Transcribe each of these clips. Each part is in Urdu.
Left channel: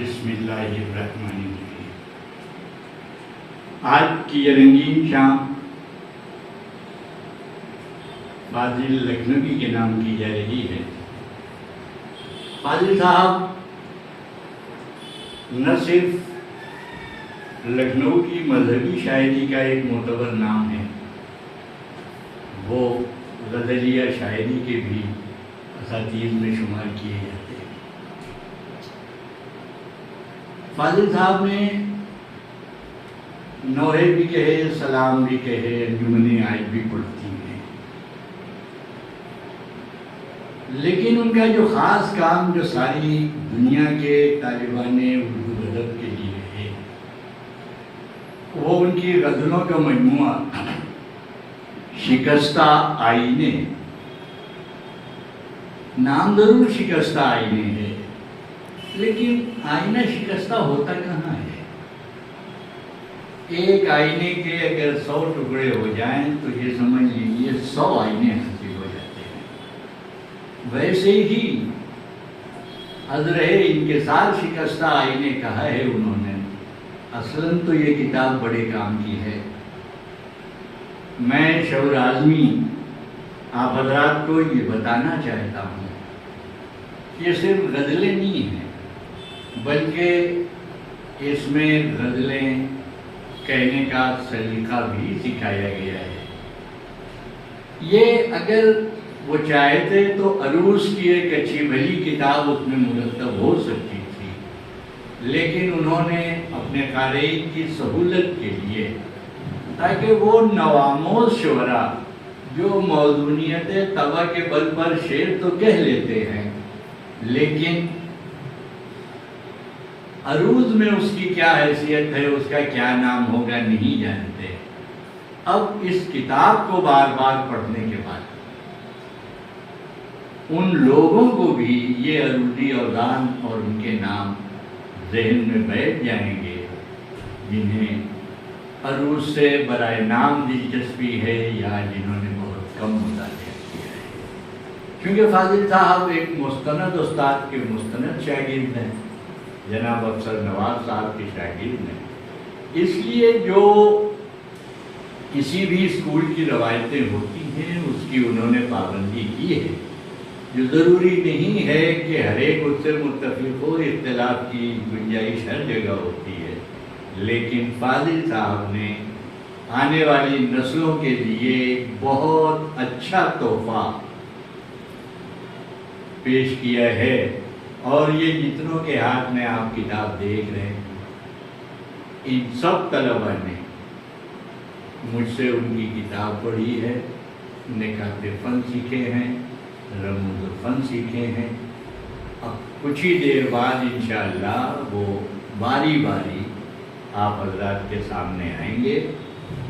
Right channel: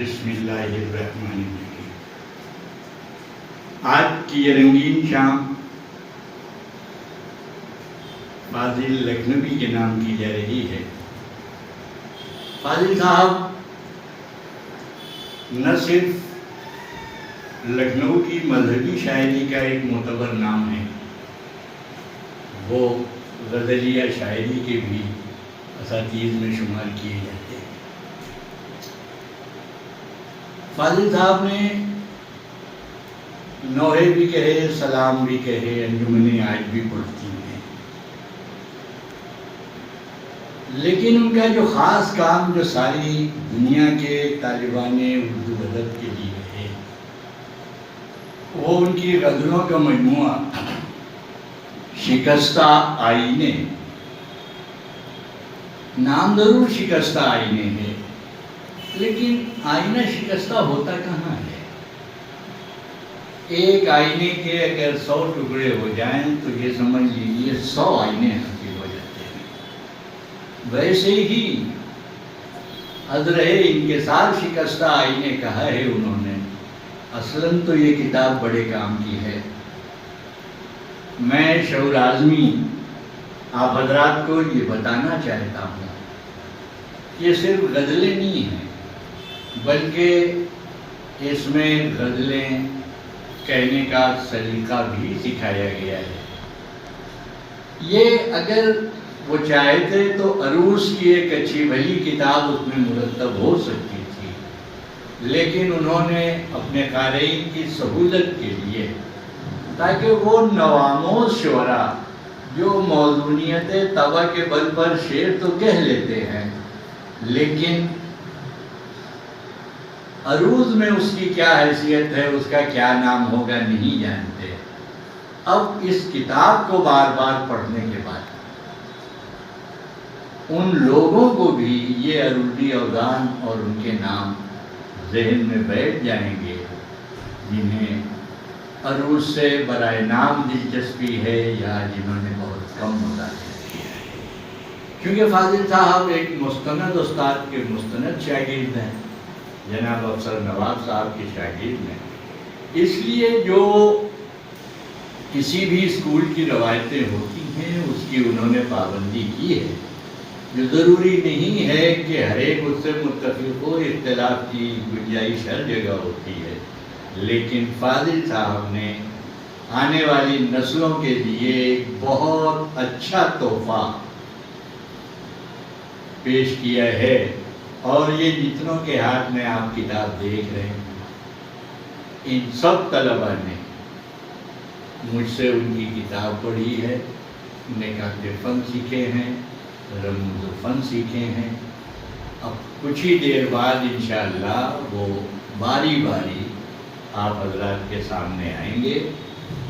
بسم اللہ الرحمن الرحیم۔ آج کی یہ رنگین شام فاضل لکھنوی کے نام کی جا رہی ہے۔ فاضل صاحب نہ صرف لکھنؤ کی مذہبی شاعری کا ایک معتبر نام ہے، وہ غزلیہ شاعری کے بھی اساتذہ میں شمار کیے جاتے ہیں۔ فاضل صاحب نے نوحے بھی کہے، سلام بھی کہے، انجمنیں آج بھی پڑھتی ہیں، لیکن ان کا جو خاص کام جو ساری دنیا کے طالبان اردو ادب کے لیے ہے، وہ ان کی غزلوں کا مجموعہ شکستہ آئینے۔ نام ضرور شکستہ آئینے ہے، لیکن آئینہ شکستہ ہوتا کہاں ہے؟ ایک آئینے کے اگر 100 ٹکڑے ہو جائیں تو یہ سمجھ لیجیے 100 آئینے حاصل ہو جاتے ہیں۔ ویسے ہی ازرہ انکسار شکستہ آئینے کہا ہے انہوں نے۔ اصلاً تو یہ کتاب بڑے کام کی ہے۔ میں شعور آزمی آپ حضرات کو یہ بتانا چاہتا ہوں کہ یہ صرف غزلیں نہیں ہیں، بلکہ اس میں غزلیں کہنے کا سلیقہ بھی سکھایا گیا ہے۔ یہ اگر وہ چاہتے تو عروس کی ایک اچھی بھلی کتاب اس میں مرتب ہو سکتی تھی، لیکن انہوں نے اپنے قارئین کی سہولت کے لیے، تاکہ وہ نوآموز شعراء جو موزونیت طبع کے بل پر شعر تو کہہ لیتے ہیں، لیکن عروض میں اس کی کیا حیثیت ہے، اس کا کیا نام ہوگا، نہیں جانتے۔ اب اس کتاب کو بار بار پڑھنے کے بعد ان لوگوں کو بھی یہ عروضی اوزان اور ان کے نام ذہن میں بیٹھ جائیں گے، جنہیں عروض سے برائے نام دلچسپی ہے یا جنہوں نے بہت کم مطالعہ کیا ہے۔ کیونکہ فاضل صاحب ایک مستند استاد کے مستند شاگرد ہیں، جناب افسر نواز صاحب کے شاگرد ہیں، اس لیے جو کسی بھی اسکول کی روایتیں ہوتی ہیں اس کی انہوں نے پابندی کی ہے۔ جو ضروری نہیں ہے کہ ہر ایک اس سے متفق ہو، اختلاف کی گنجائش ہر جگہ ہوتی ہے، لیکن فاضل صاحب نے آنے والی نسلوں کے لیے ایک بہت اچھا تحفہ پیش کیا ہے، اور یہ جتنوں کے ہاتھ میں آپ کتاب دیکھ رہے ہیں، ان سب طلباء نے مجھ سے ان کی کتاب پڑھی ہے، نکات فن سیکھے ہیں، رموز فن سیکھے ہیں۔ اب کچھ ہی دیر بعد انشاءاللہ وہ باری باری آپ حضرات کے سامنے آئیں گے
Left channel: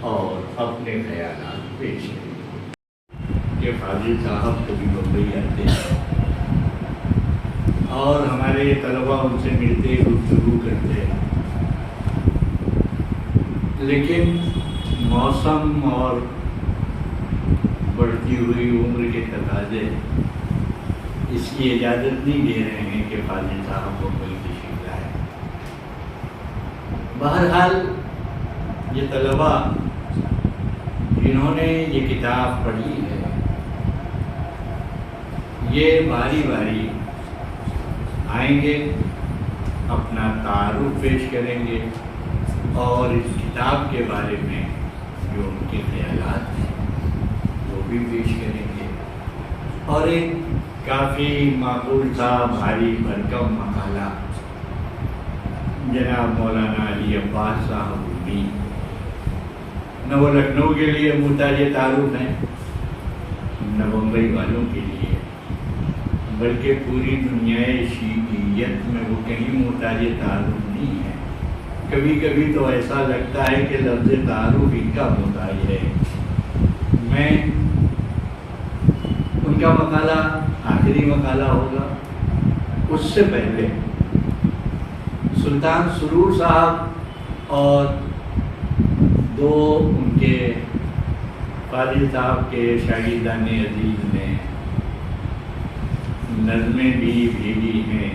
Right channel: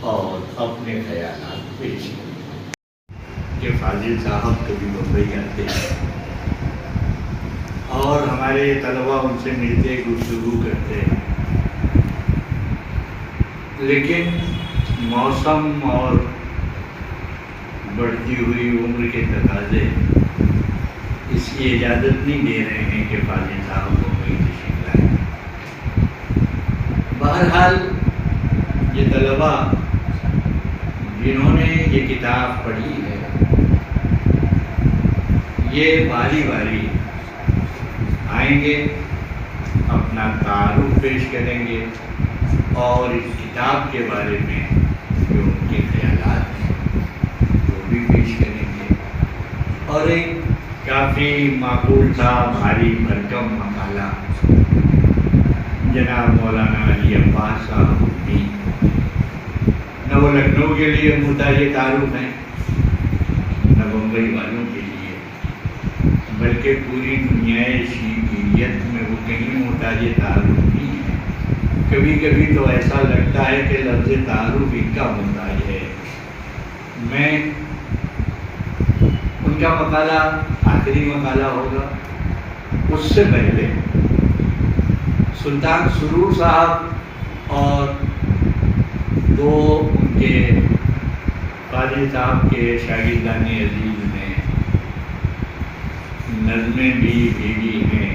اور اپنے خیالات پیش کریں گے کہ فاضل صاحب کبھی ممبئی آتے ہیں اور ہمارے طلباء ان سے ملتے گفتگو کرتے ہیں، لیکن موسم اور بڑھتی ہوئی عمر کے تقاضے اس کی اجازت نہیں دے رہے ہیں کہ فاضل صاحب کو کوئی تشریف لائیں۔ بہرحال یہ طلباء جنہوں نے یہ کتاب پڑھی ہے، یہ باری باری آئیں گے، اپنا تعارف پیش کریں گے اور اس کتاب کے بارے میں جو ان کے خیالات ہیں وہ بھی پیش کریں گے، اور ایک کافی معقول تھا بھاری بھرکم مقالہ جناب مولانا علی عباس صاحب بھی، نہ وہ لکھنؤ کے لیے محتاج تعارف ہیں نہ بمبئی والوں کے لیے، بلکہ پوری دنیا شیعیت میں وہ کہیں محتاج تعارف نہیں ہے۔ کبھی کبھی تو ایسا لگتا ہے کہ لفظ تعارف ان کا محتاج ہے۔ میں ان کا مقالہ آخری مقالہ ہوگا، اس سے پہلے سلطان سرور صاحب اور دو ان کے فاضل صاحب کے شاگردان عزیز نے نظمیں بھی بھیجی ہیں،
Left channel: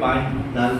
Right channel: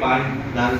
5-10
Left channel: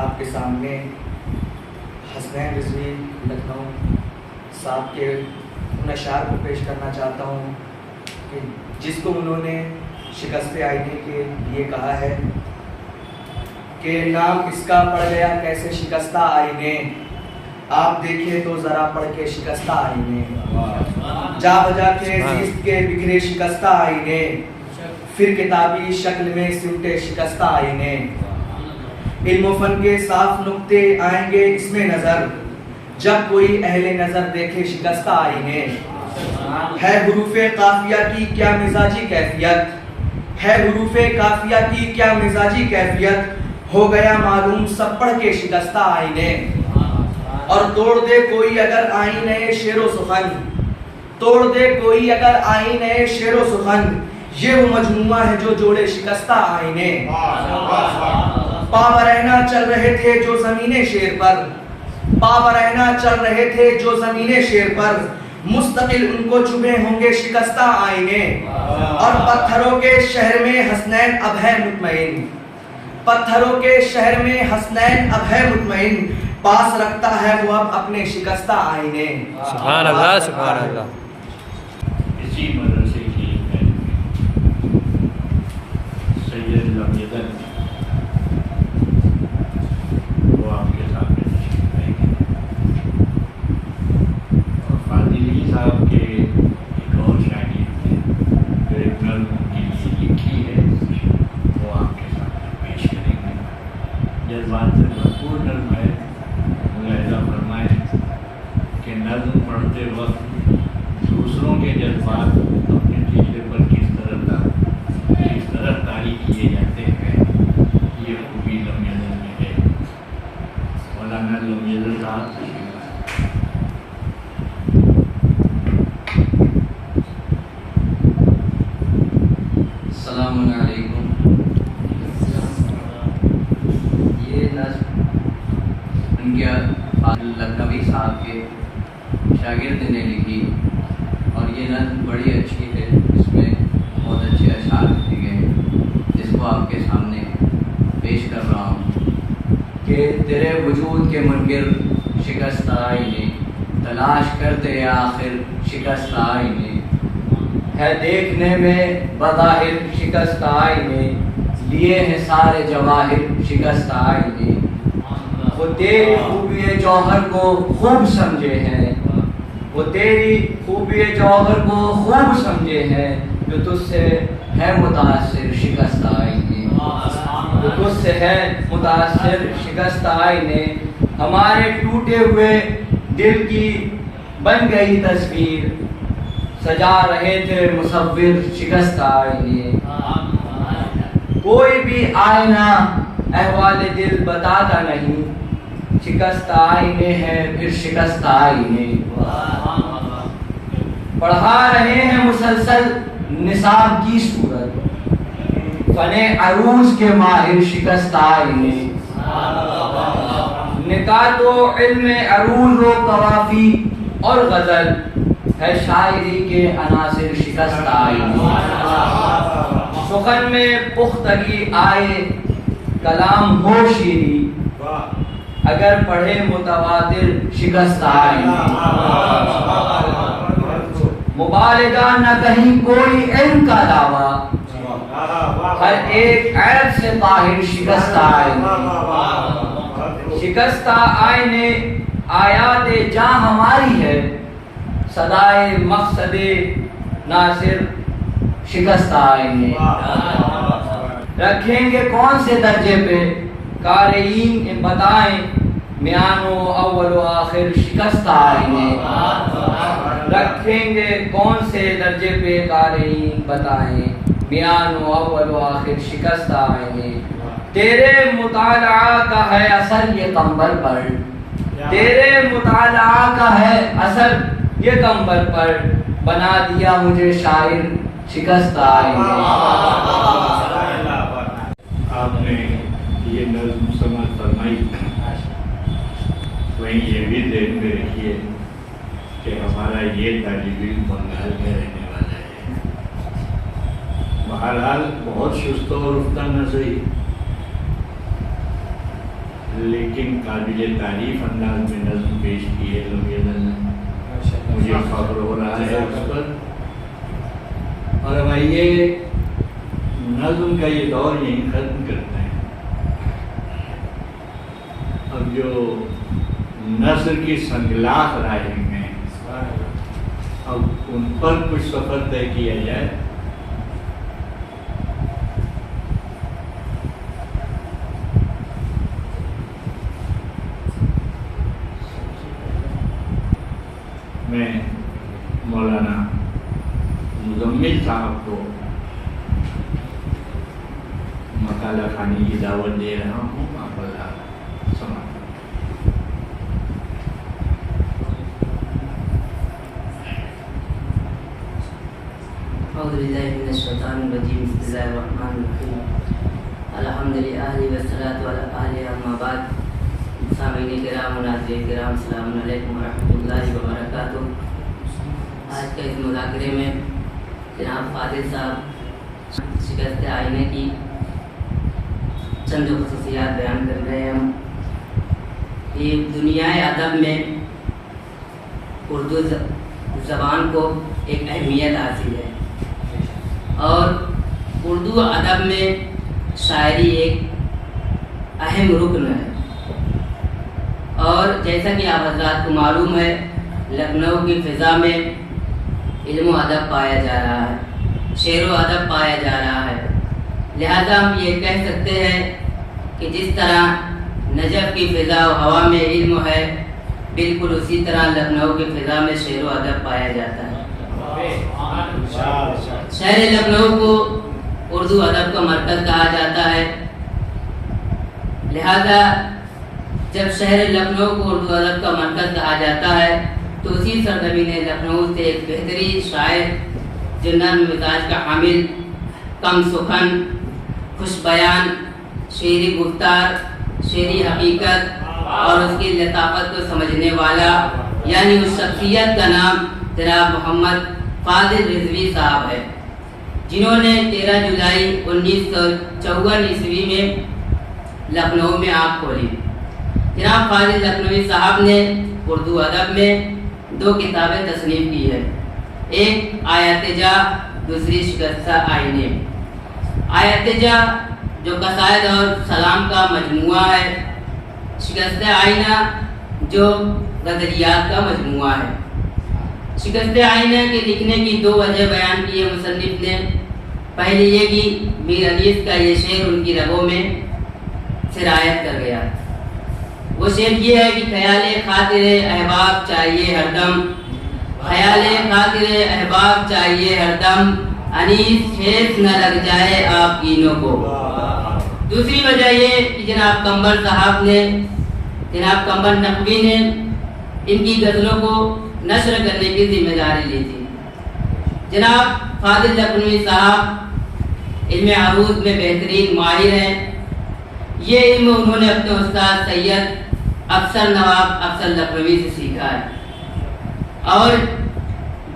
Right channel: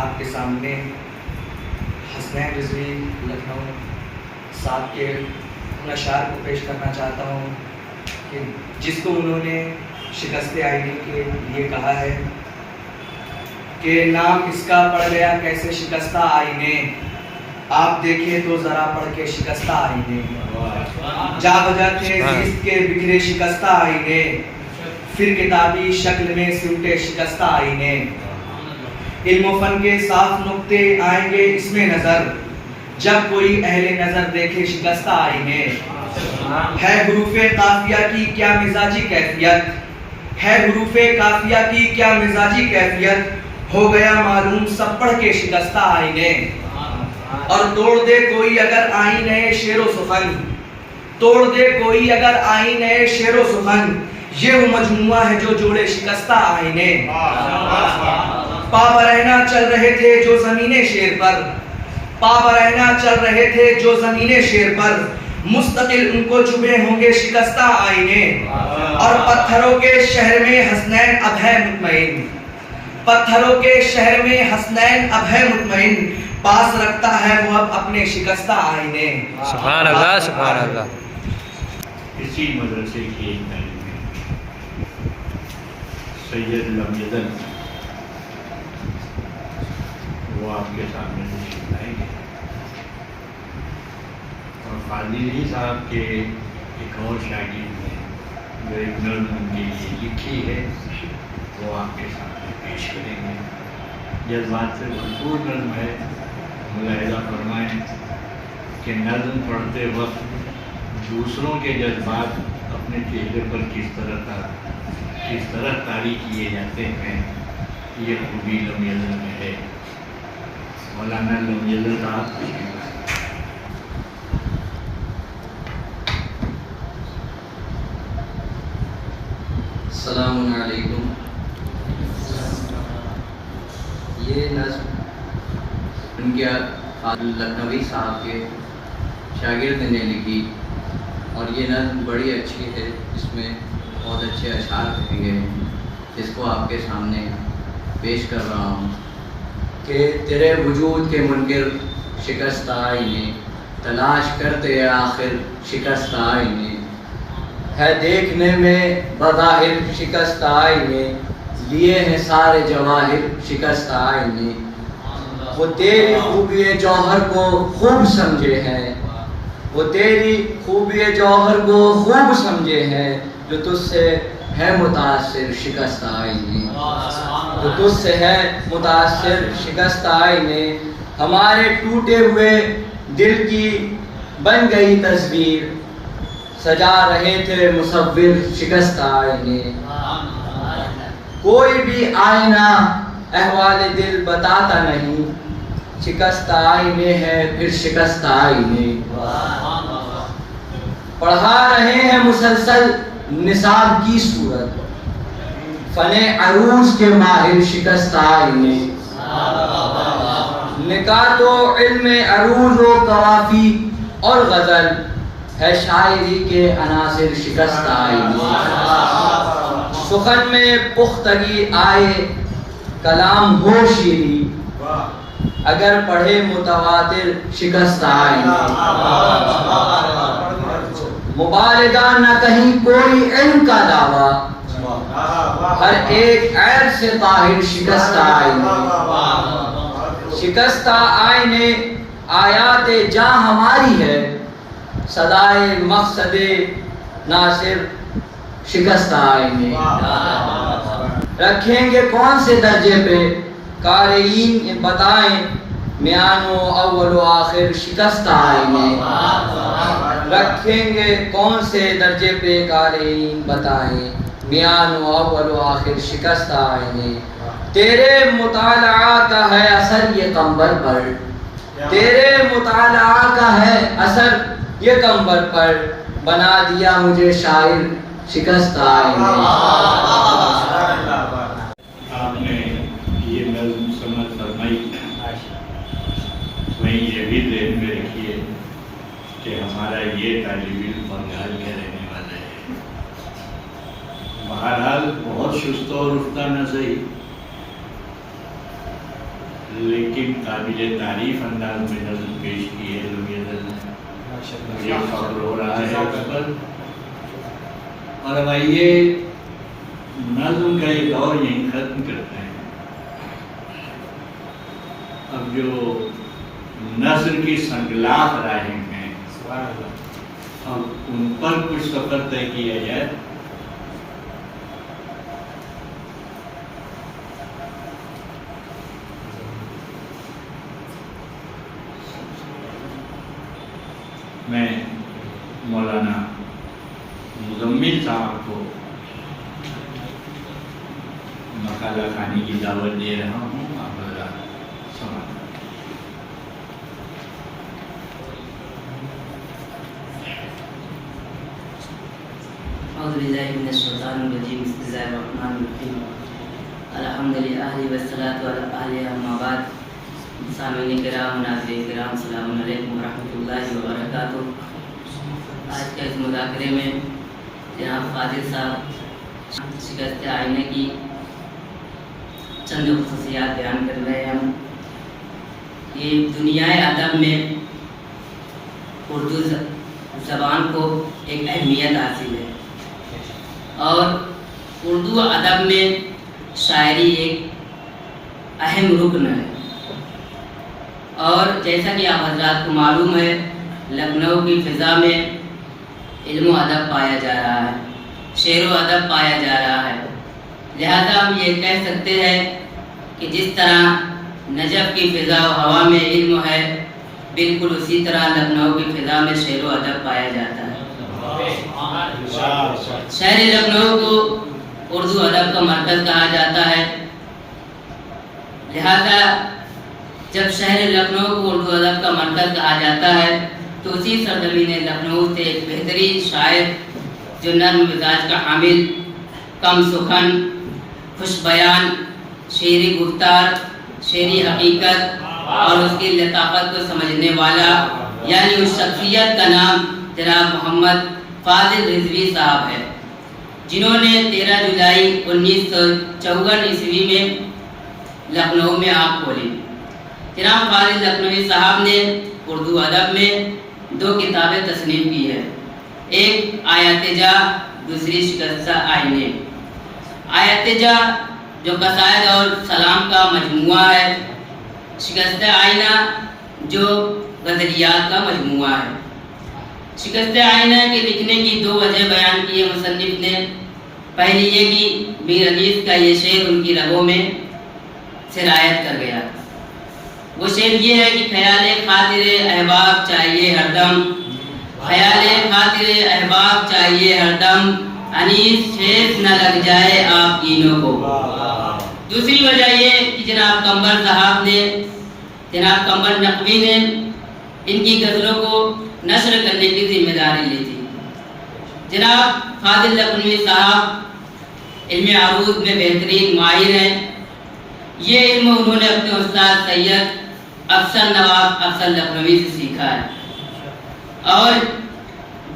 آپ کے سامنے حسنین رضوی لکھنؤ صاحب کے ان اشعار کو پیش کرنا چاہتا ہوں کہ جس کو انہوں نے شکست آئینے کے لیے کہا ہے کہ نام اس کا پڑ گیا کیسے شکستہ آئینے، آپ دیکھیں تو ذرا پڑھ کے شکستہ آئینے، جا بجا کے زیست کے بکھرے شکستہ آئینے، پھر کتابی شکل میں سمٹے شکستہ آئینے، علم و فن کے صاف نقطے آئیں گے اس میں نظر، جب کوئی اہل نظر دیکھے شکستہ آئینے، ہے حروف قافیہ کی کیا مزاجی کیفیت، ہے حروف قافیہ کی کیا مزاجی کیفیت، ہو گیا معلوم سب پڑھ کے شکستہ آئینے، اور توڑ دے کوئی اگر آئینے شعر و سخن، توڑ دے کوئی اگر آئینے شعر و سخن، یہ وہ مجموعہ ہے جو جوڑے شکستہ آئینے، پا برہنہ چل رہے تھے جو زمین شیر پر، پا برہنہ چل رہے تھے جو زمین شیر پر، مستقل ان کو چبھے ہوں گے شکستہ آئینے، اور پتھروں کے شہر میں حسنین اب ہے مطمئن، پتھروں کے شہر میں حسنین اب ہے مطمئن، پاس رکھتا ہے وہ اب اپنے شکستہ آئینے۔ سبحان اللہ سبحان اللہ۔ اسی مدرسے کی ایک تعلیم سید لمیدن وہ آپ کے سامنے آئے گے، اور فاضلی صاحب کے ایک اور شاگرد نے جو ایک نظم ان کے لیے لکھی ہے وہ آپ کے سامنے پیش کریں گے۔ جذبات سے بھرپور نظم ہے، ملاحظہ فرمائیں کہ نظم پڑھتے وقت دوسروں کے جذبات اپنے چہرے پر کس طرح طاری کیے جاتے ہیں، یہ خوبی لمیدن میں ہے۔ مولانا لمیدن صاحب السلام علیکم۔ یہ نظم ان کے لکھنوی صاحب کے شاگرد نے لکھی، اور یہ نظم بڑی اچھی ہے، اس میں بہت اچھے اشعار لکھے گئے، جس کو آپ کے سامنے پیش کر رہا ہوں کہ تیرے وجود کے منکر شکست آئینے، تلاش کرتے آخر شکست آئینے، ہے دیکھنے میں بظاہر شکست آئینے، لیے ہیں سارے جواہر شکست آئینے، وہ تیری خوبی جوہر کو خوب سمجھے ہیں، وہ تیری خوبی جوہر کو خوب سمجھے ہیں، جو تجھ سے ہے متاثر شکست آئینے، جو تجھ سے ہے متاثر شکست آئینے، ہمارے ٹوٹے ہوئے دل کی بن گئی تصویر، سجا رہے تھے مصور شکست آئینے، کوئی بھی آئینہ احوال دل بتاتا نہیں، شکست آئینے ہے پھر شکست آئینے، پڑھا رہے ہیں مسلسل نصاب کی صورت، فن عروض کے ماہر شکست آئینے، نکات و علم عروض و قوافی اور غزل ہے شاعری کے عناصر شکست آئینے، سخن میں پختگی آئے کلام ہو شیری، اگر پڑھے متواتر شکست آئینے، مبالغہ نہ کہیں کوئی علم کا دعویٰ، ہر ایک عیب سے طاہر شکست آئینے، شکست آئینے آیات جاں ہماری ہے، صدائے مقصد ناصر شکست آئینے، رکھیں گے کون سے درجے پہ قارئین بتائیں، میان و اول و آخر شکست آئینے، رکھیں گے کون سے درجے پہ قارئین بتائیں، میان و اول و آخر شکست آئینے، تیرے مطالعہ کا ہے اثر یہ قمبر پر، تیرے مطالعہ کا ہے اثر یہ قمبر پر، بنا دیا مجھے شاعر شکست آئینے۔ آپ نے یہ نظم سمجھ فرمائی، وہیں یہ بھی ذہن میں رکھیے کہ ہمارا یہ طالب علم بنگال میں رہنے والا ہے، بہرحال بہت شستہ اور رفتہ نہ صحیح، لیکن قابل تعریف انداز میں نظم پیش کی ہے لوگوں نے، مجھے فخر ہو رہا ہے اس پر۔ اور اب آئیے نظم کا یہ دور یہیں ختم کرتے ہیں۔ اب جو نثر کی سنگلاخ راہیں ہیں اب ان پر کچھ سفر طے کیا جائے۔ میں مولانا مزمل صاحب کو مقالہ خانی کی دعوت دے رہا ہوں، آپ حضرات سمجھ۔ اعوذ باللہ من الشیطان الرجیم، بسم اللہ الرحمن الرحیم، الحمدللہ والصلاۃ علی آلہ اما بعد۔ سامعین کرام و ناظرین کرام، السلام علیکم ورحمۃ اللہ وبرکاتہ۔ آج کے اس مذاکرے میں جناب فاضل صاحب شکست آئینے کی چند خصوصیات بیان کر رہے ہیں۔ ہم یہ دنیا ادب میں اردو زبان کو ایک اہمیت حاصل ہے، اور اردو ادب میں شاعری ایک اہم رکن ہے۔ اور جیسا کہ آپ حضرات کو معلوم ہے، لکھنؤ کی فضا میں علم و ادب پایا جا رہا ہے، شعر و ادب پایا جا رہا ہے۔ لہذا ہم یہ کہہ سکتے ہیں کہ جس طرح نجف کی فضا و ہوا میں علم ہے، بالکل اسی طرح لکھنؤ کی فضا میں شعر و ادب پایا جاتا ہے۔ شہر لکھنؤ کو اردو ادب کا مرکز کہا جاتا ہے۔ لہذا جب شہر لکھنؤ کو اردو ادب کا مرکز کہا جاتا ہے تو اسی سرزمین لکھنؤ سے ایک بہترین شاعر جو نرم مزاج کا حامل، کم سخن، خوش بیان، شعری گفتار، شعری حقیقت اور اس کی لطافت کو سمجھنے والا، یعنی اس شخصیت کا نام جناب محمد فاضل رضوی صاحب ہے، جنہوں نے 13 جولائی 1954 عیسوی میں لکھنؤ میں آنکھ کھولی۔ جناب فاضل لکھنوی صاحب نے اردو ادب میں 2 کتابیں تصنیف کی ہے، ایک آیات جا، دوسری شکستہ آئینے۔ آیات جا جو قصائد اور سلام کا مجموعہ ہے، شکستہ آئینہ جو غزلیات کا مجموعہ ہے۔ شکستہ آئینہ کے لکھنے کی 2 وجہ بیان کی ہے مصنف نے۔ پہلی یہ کہ میر انیس کا یہ شعر ان کی رگوں میں سرایت کر گیا۔ وہ شعر یہ ہے کہ خیال خاطر احباب چاہیے ہر دم، خیال خاطر احباب چاہیے ہر دم، انیس ٹھیس نہ لگ جائے آپ کینوں کو۔ دوسری وجہ یہ کہ جناب قمر صاحب نے، جناب قمر نقوی نے ان کی غزلوں کو نشر کرنے کی ذمہ داری لی تھی۔ جناب فاضل لکھنوی صاحب علم عروض میں بہترین ماہر ہیں۔ یہ علم انہوں نے اپنے استاد سید افسر نواب افسر لکھنوی سے سیکھا ہے، اور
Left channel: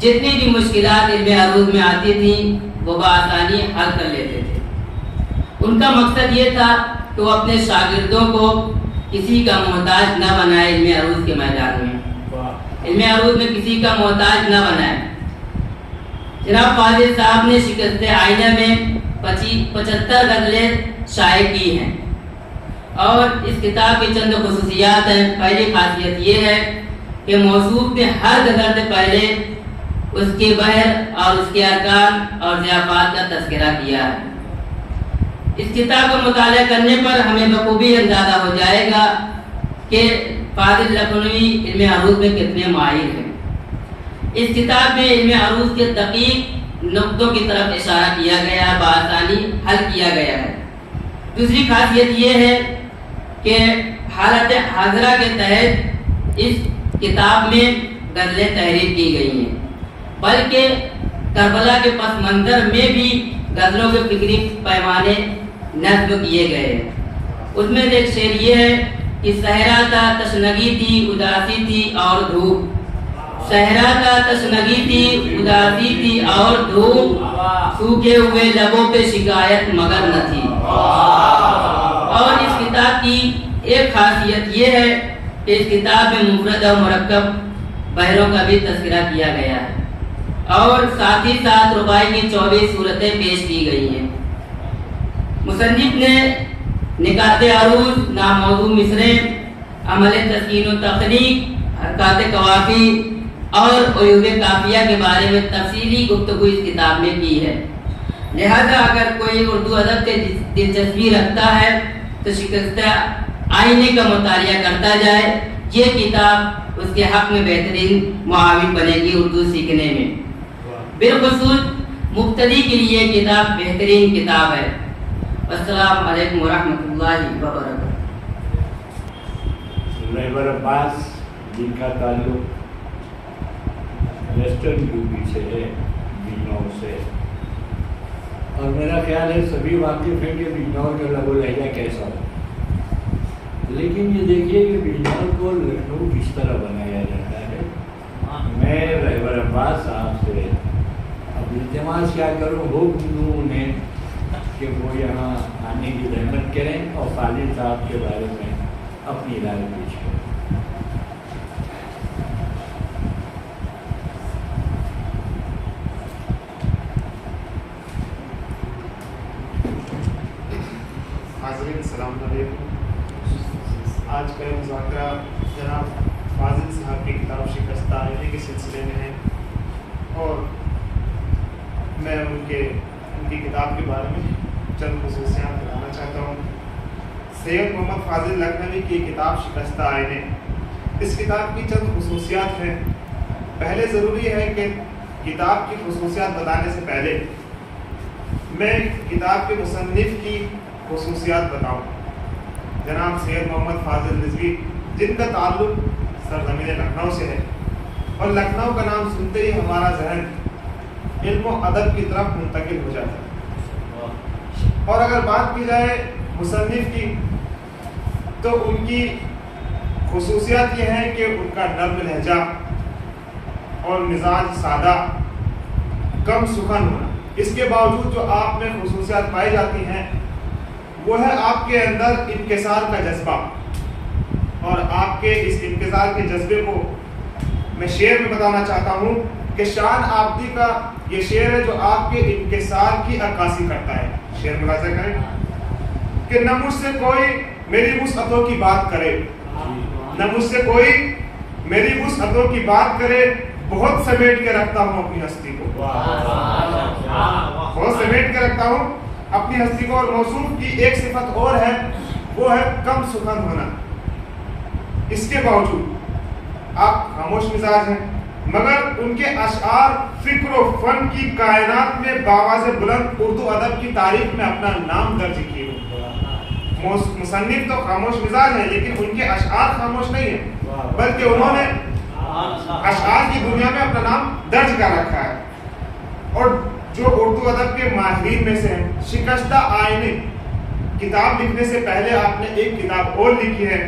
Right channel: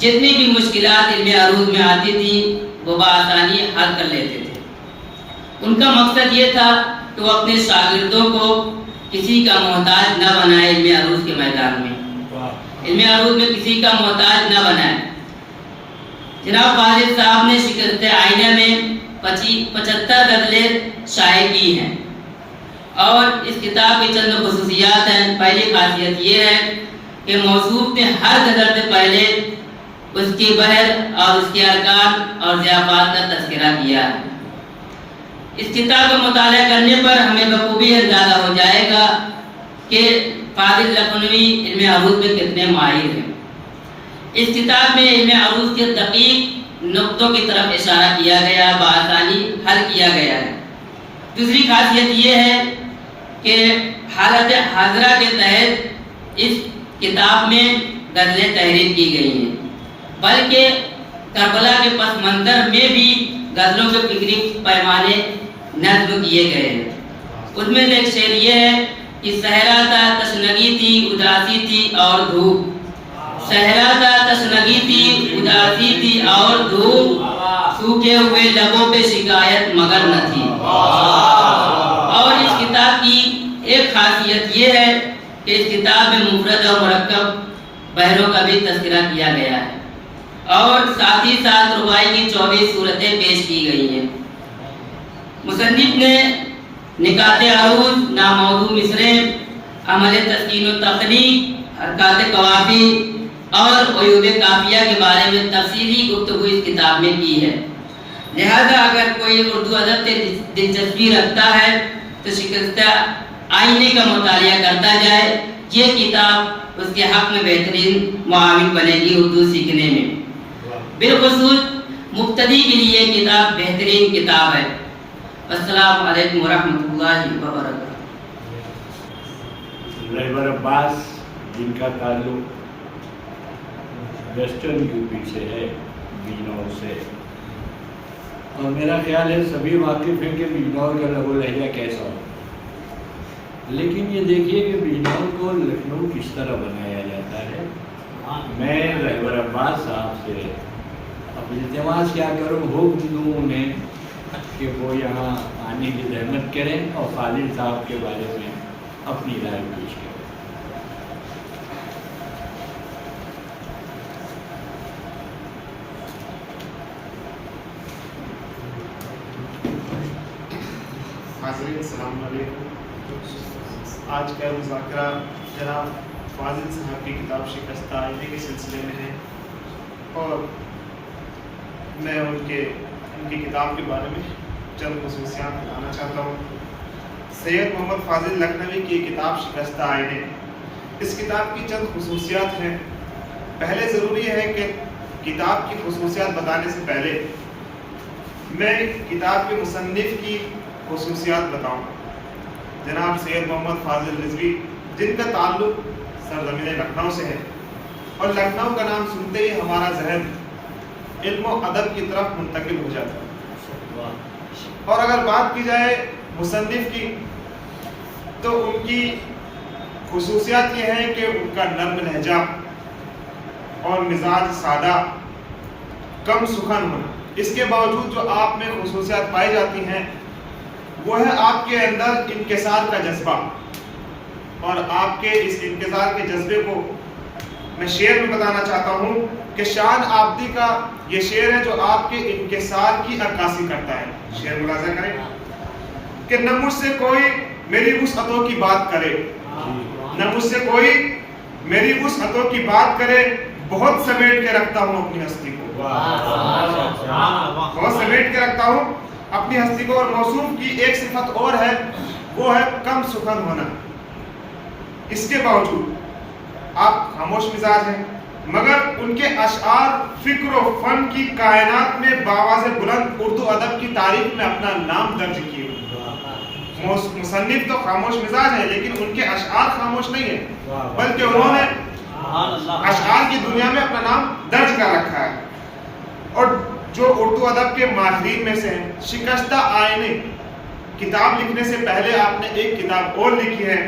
جتنی بھی مشکلات علم عروض میں آتی تھیں وہ بآسانی حل کر لیتے تھے۔ ان کا مقصد یہ تھا کہ وہ اپنے شاگردوں کو کسی کا محتاج نہ بنائے، علم عروض کے میدان میں علم عروض میں کسی کا محتاج نہ بنائے۔ جناب فاضل صاحب نے شکست آئینہ میں 75 غزلیں شائع کی ہیں، اور اس کتاب کی چند خصوصیات ہیں۔ پہلی خاصیت یہ ہے کہ موصوف نے ہر غزل سے پہلے اس کے بحر اور اس کے ارکان اور ضیافات کا تذکرہ کیا ہے۔ اس کتاب کا مطالعہ کرنے پر ہمیں بخوبی اندازہ ہو جائے گا کہ فاضل لکھنوی علم عروض میں کتنے ماہر ہیں۔ اس کتاب میں علم عروض کے دقیق نقطوں کی طرف اشارہ کیا گیا، بآسانی حل کیا گیا ہے۔ دوسری خاصیت یہ ہے کہ حالت حاضرہ کے تحت اس کتاب میں غزلیں تحریر کی گئی ہیں، بلکہ کربلا کے پس منظر میں بھی غزلوں کے فکری پیمانے نظم کیے گئے ہیں۔ اس میں سے ایک شعر یہ ہے کہ صحرا تھا تشنگی تھی اداسی تھی اور دھوپ، صحرا تھا تشنگی تھی اداسی تھی اور دھوپ، سوکھے ہوئے لبوں پہ شکایت مگر نہ تھی۔ اور اس کتاب کی ایک خاصیت یہ ہے کہ اس کتاب میں مفرد اور مرکب بحروں کا بھی تذکرہ کیا گیا ہے اور ساتھ ہی ساتھ رباعی کی 24 صورتیں پیش کی گئی ہیں۔ مصنف نے نکات عروض، ناموضوع مصریں، عمل تسکین و تخلیق، حرکات قوافی اور عیوب قافیہ کے بارے میں تفصیلی گفتگو اس کتاب میں کی ہے۔ لہذا اگر کوئی اردو ادب سے دلچسپی رکھتا ہے تو شکستہ آئینے کا مطالعہ کرتا جائے، یہ کتاب اس کے حق میں بہترین معاون بنے گی اردو سیکھنے میں۔ بالخصوص مبتدی کے لیے یہ کتاب بہترین کتاب ہے۔ السلام علیکم ورحمۃ اللہ وبرکاتہ۔ رہبر عباس جن کا تعلق ویسٹرن یو پی سے ہے، بجنور سے، اور میرا خیال ہے سبھی واقف ہیں کہ بجنور کا لب و لہجہ کیسا ہو، لیکن یہ دیکھیے کہ بجنور کو لکھنؤ کس طرح بنایا جاتا ہے۔ میں رہبر عباس صاحب سے اب التماس کیا کروں، حکم دوں انہیں کہ وہ یہاں آنے کی زحمت کریں اور فاضل صاحب کے بارے میں اپنی رائے پیش کریں۔ حاضرین السلام علیکم۔ آج کا مذاکرہ جناب فاضل صاحب کی کتاب شکستہ آئینے کے سلسلے میں ہے، اور میں ان کی کتاب کے بارے میں چند خصوصیات بتانا چاہتا ہوں۔ سید محمد فاضل لکھنوی کی کتاب شکستہ آئینے، اس کتاب کی چند خصوصیات ہیں۔ پہلے ضروری ہے کہ کتاب کی خصوصیات بتانے سے پہلے میں کتاب کے مصنف کی خصوصیات بتاؤں۔ جناب سید محمد فاضل رضوی، جن کا تعلق سرزمین لکھنؤ سے ہے، اور لکھنؤ کا نام سنتے ہی ہمارا ذہن علم و ادب کی طرف منتقل ہو جاتا ہے۔ اور اگر بات کی جائے مصنف کی، تو ان کی خصوصیات یہ ہے کہ ان کا نرم لہجہ اور مزاج سادہ، کم سخن ہونا۔ اس کے باوجود جو آپ میں خصوصیات پائی جاتی ہیں وہ ہے آپ کے اندر انکسار کا جذبہ، اور آپ کے اس انکسار کے جذبے کو میں شعر میں بتانا چاہتا ہوں کہ شان آبدی کا یہ شعر ہے جو آپ کے انکسار کی عکاسی کرتا ہے۔ شعر ملاحظہ کریں کہ نہ مجھ سے کوئی میری وسعتوں کی بات کرے، نہ مجھ سے کوئی میری وسعتوں کی بات کرے، بہت سمیٹ کے رکھتا ہوں اپنی ہستی کو، بہت سمیٹ کے رکھتا ہوں اپنی ہستی کو۔ اور موصوف کی ایک صفت اور ہے، وہ ہے کم سخن ہونا۔ اس کے باوجود آپ خاموش مزاج ہیں، مگر ان کے اشعار فکر و فن کی کائنات میں بآواز بلند اردو ادب کی تاریخ میں اپنا نام درج کیے۔ مصنف تو خاموش مزاج ہے، لیکن ان کے اشعار خاموش نہیں ہیں، بلکہ انہوں نے اشعار کی دنیا میں اپنا نام درج کر رکھا ہے۔ اور جو اردو ادب کے ماہرین میں سے ہیں، شکستہ آئینے کتاب لکھنے سے پہلے آپ نے ایک کتاب اور لکھی ہے،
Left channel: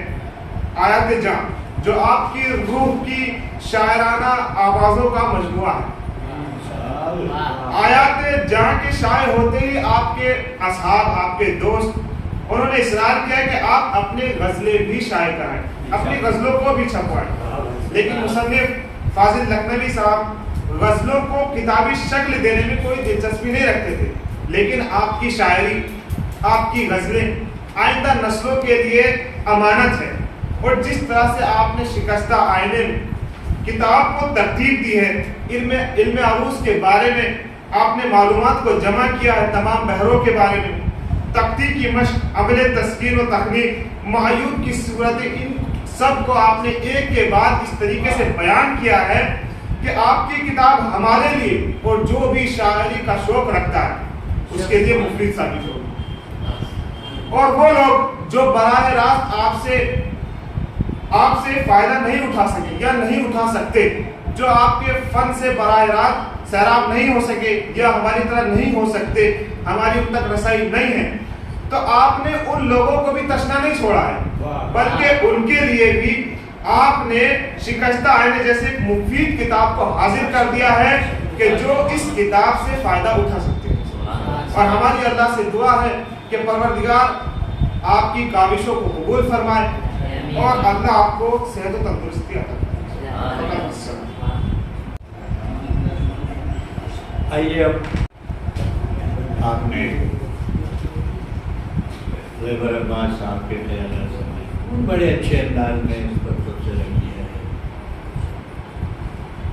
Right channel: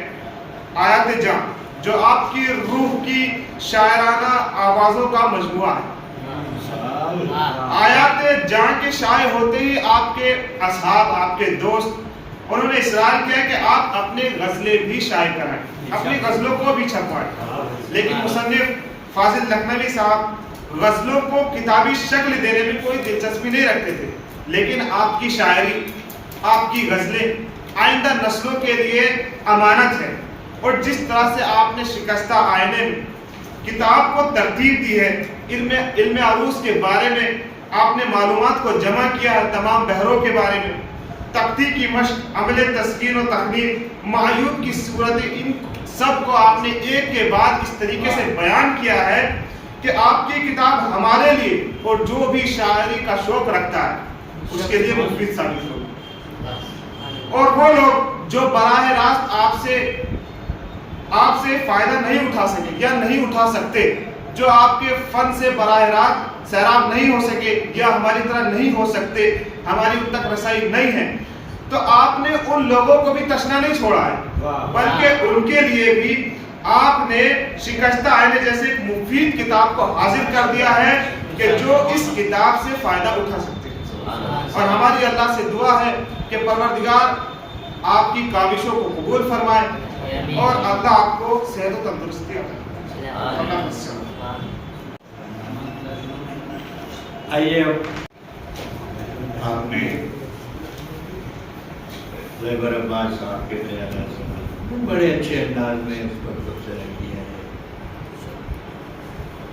آیات جاں، جو آپ کی روح کی شاعرانہ آوازوں کا مجموعہ ہے۔ آیات جاں کے شائع ہوتے ہی آپ کے اصحاب، آپ کے دوست، انہوں نے اصرار کیا کہ آپ اپنی غزلیں بھی شائع کرائیں، اپنی غزلوں کو بھی چھپوائیں۔ لیکن مصنف فاضل لکھنوی صاحب غزلوں کو کتابی شکل دینے میں کوئی دلچسپی نہیں رکھتے تھے، لیکن آپ کی شاعری، آپ کی غزلیں آئندہ نسلوں کے لیے امانت ہے۔ اور جس طرح سے آپ نے شکستہ آئینے میں کتاب کو ترتیب دی ہے، علم عروض کے بارے میں آپ نے معلومات کو جمع کیا ہے، تمام بحروں کے بارے میں، تختی کی مشق، عمل تسکین و تخلیق، معیوب کی صورتیں، ان سب کو آپ نے ایک کے بعد اس طریقے سے بیان کیا ہے کہ آپ کی کتاب ہمارے لیے اور جو بھی شاعری کا شوق رکھتا ہے اس کے لیے مفید ثابت ہوگی۔ اور وہ لوگ جو براہ راست آپ سے فائدہ نہیں اٹھا سکے یا نہیں اٹھا سکتے، جو آپ کے فن سے براہ راست سیراب نہیں ہو سکے یا ہماری طرح نہیں ہو سکتے، ہماری ان تک رسائی نہیں ہے، تو آپ نے ان لوگوں کو بھی تشنا نہیں چھوڑا ہے، بلکہ ان کے لیے بھی آپ نے شکستہ آئینے جیسے ایک مفید کتاب کو حاضر کر دیا ہے کہ جو اس کتاب سے فائدہ اٹھا سکتے ہیں۔ اور ہماری اللہ سے دعا ہے کہ پروردگار آپ کی کاوشوں کو قبول فرمائے اور اللہ آپ کو صحت و تندرستی عطا فرمائے۔ آئیے اب آپ نے لیبر عباس صاحب کے خیالات سے بڑے اچھے انداز میں اس پر تبصرہ کیا ہے،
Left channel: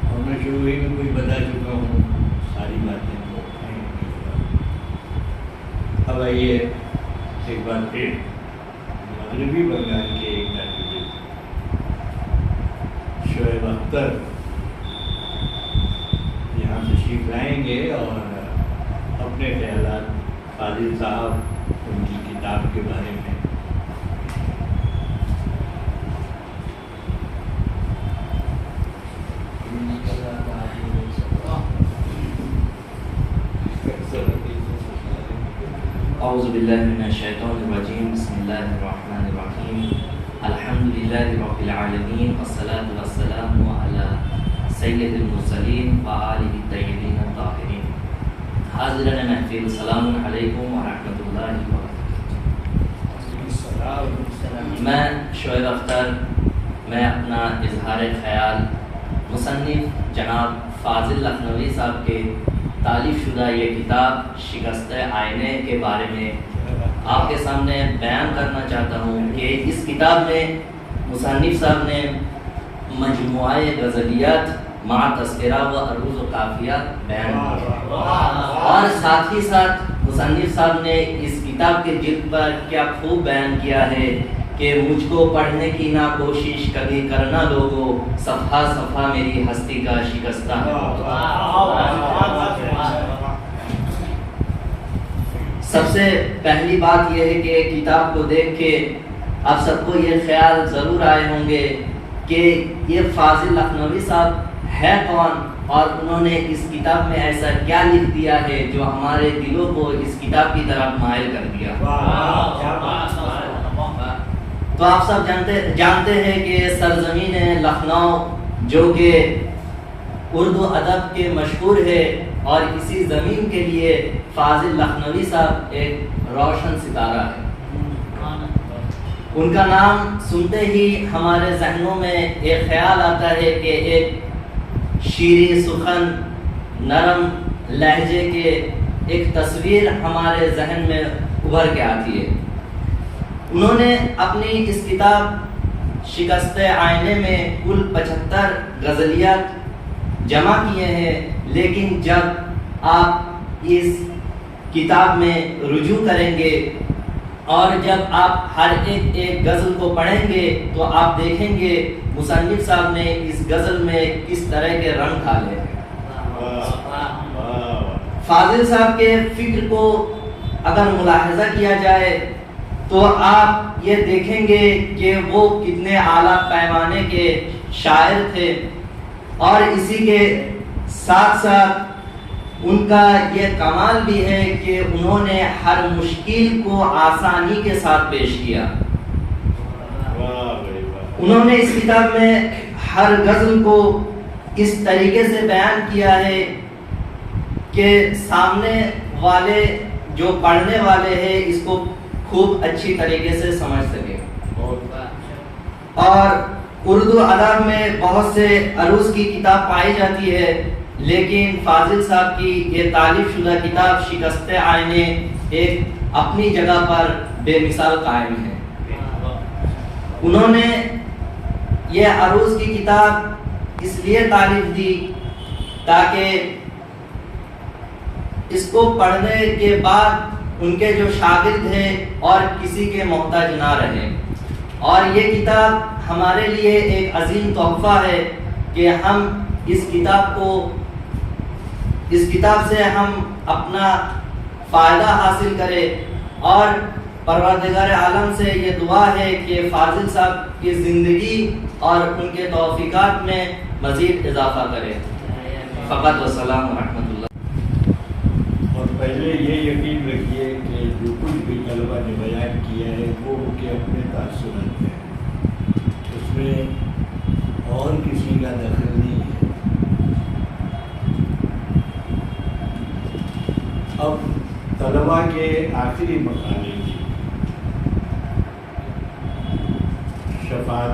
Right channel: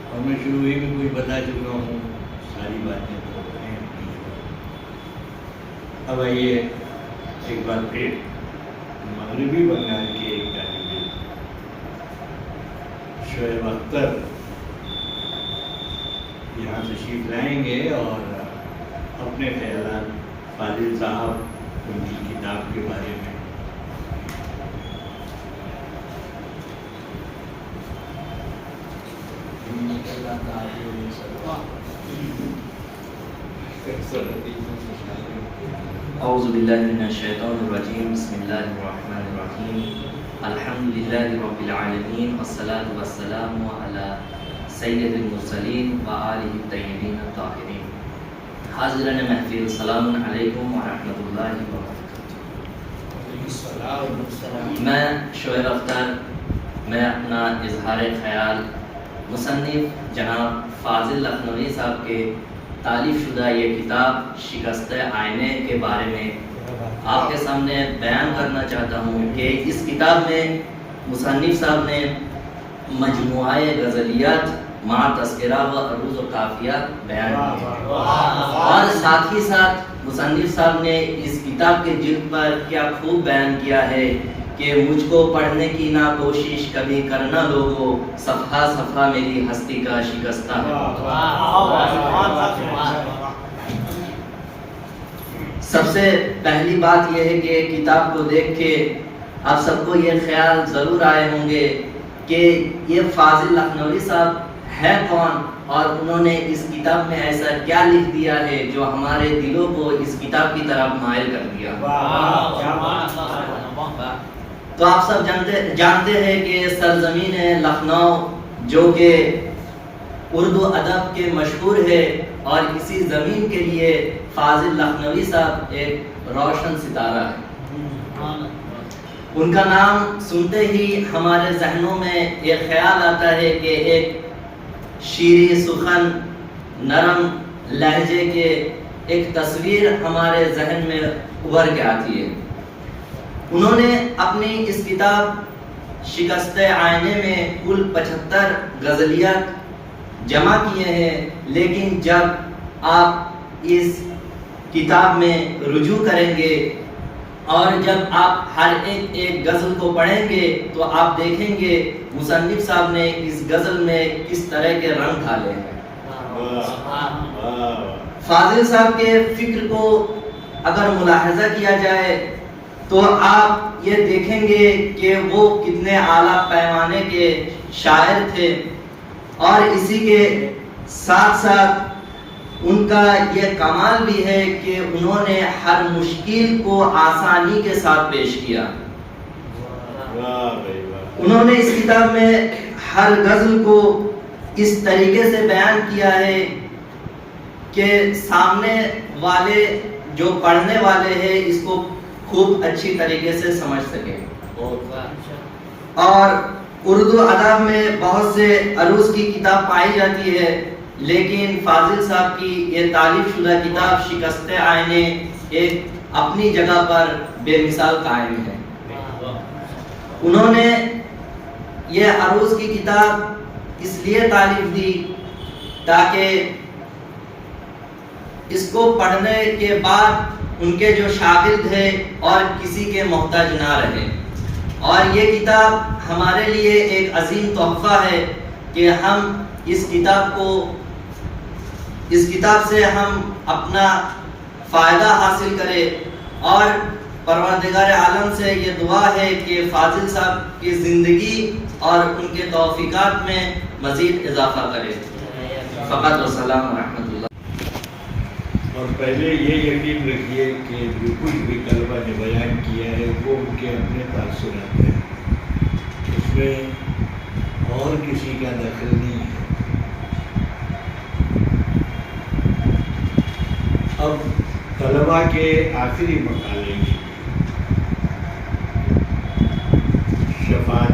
اور میں شروع ہی میں کوئی بتا چکا ہوں ساری باتیں تو ہیں۔ اب آئیے ایک بار پھر مغربی بنگال کے ایک طالب علم شعیب اختر یہاں تشریف لائیں گے اور اپنے خیالات فاضل صاحب ان کی کتاب کے بارے میں اعوذ باللہ من الشیطان الرجیم، بسم اللہ الرحمن الرحیم، الحمدللہ رب العالمین، والصلاة والسلام علی سید المرسلین وآلہ الطیبین الطاہرین۔ حاضرین محفل، السلام علیکم ورحمۃ اللہ وبرکاتہ۔ میں شعیب اختر، میں اپنا اظہار خیال مصنف جناب فاضل لکھنوی صاحب کے تالیف شدہ یہ کتاب شکست آئینے کے بارے میں آپ کے سامنے بیان کرنا چاہتا ہوں کہ اس کتاب میں مصنف صاحب نے مجموعہ غزلیات مع تذکرہ و عروض و قافیہ بیان کیا، اور ساتھ ہی ساتھ مصنف صاحب نے اس کتاب کے جلد پر کیا خوب بیان کیا ہے کہ مجھ کو پڑھنے کی نہ کوشش کبھی کرنا لوگوں، صفحہ صفحہ میری ہستی کا شکستہ ہے۔ سب سے پہلی بات یہ ہے کہ کتاب کو دیکھ کے آپ سب کو یہ خیال ضرور آئے ہوں گے کہ یہ فاضل لکھنوی صاحب ہے کون، اور انہوں نے اس کتاب میں ایسا کیا لکھ دیا ہے جو ہمارے دلوں کو اس کتاب کی طرف مائل کر دیا۔ تو آپ سب جانتے ہیں کہ سرزمین لکھنؤ جو کہ اردو ادب کے مشہور ہے، اور اسی زمین کے لیے فاضل لکھنوی صاحب ایک روشن ستارہ ہے۔ ان کا نام سنتے ہی ہمارے ذہنوں میں ایک خیال آتا ہے کہ ایک شیریں سخن نرم لہجے کے ایک تصویر ہمارے ذہن میں ابھر کے آتی ہے۔ انہوں نے اپنی اس کتاب شکست آئینے میں کل 75 غزلیات جمع کیے ہیں، لیکن جب آپ اس کتاب میں رجوع کریں گے اور جب آپ ہر ایک غزل کو پڑھیں گے تو آپ دیکھیں گے مصنف صاحب نے اس غزل میں کس طرح کے رنگ ڈالے ہیں۔ فاضل صاحب کے فکر کو اگر ملاحظہ کیا جائے تو آپ یہ دیکھیں گے کہ وہ کتنے اعلیٰ پیمانے کے شاعر تھے، اور اسی کے ساتھ ساتھ ان کا یہ کمال بھی ہے کہ انہوں نے ہر مشکل کو آسانی کے ساتھ پیش کیا۔ انہوں نے اس کتاب میں ہر غزل کو اس طریقے سے بیان کیا ہے کہ سامنے والے جو پڑھنے والے ہیں اس کو خوب اچھی طریقے سے سمجھ سکے۔ اور اردو ادب میں بہت سے عروض کی کتاب پائی جاتی ہے، لیکن فاضل صاحب کی یہ تالیف شدہ کتاب شکست آئینے ایک اپنی جگہ پر بے مثال قائم ہے۔ انہوں نے یہ عروض کی کتاب اس لیے تالیف دی تاکہ اس کو پڑھنے کے بعد ان کے جو شاگرد ہیں اور کسی کے محتاج نہ رہیں، اور یہ کتاب ہمارے لیے ایک عظیم تحفہ ہے کہ ہم اس کتاب سے ہم اپنا فائدہ حاصل کریں، اور پروردگار عالم سے یہ دعا ہے کہ فاضل صاحب کی زندگی اور ان کے توفیقات میں مزید اضافہ کرے۔ فقط والسلام ورحمۃ اللہ۔ اور پہلے یہ یقین رکھیے کہ جو کچھ بھی طلبہ نے بیان کیا ہے وہ ان کے اپنے تاثرات ہیں، اس میں اور کسی کا دخل نہیں ہے۔ اب طلبہ کے آخری مقالے کی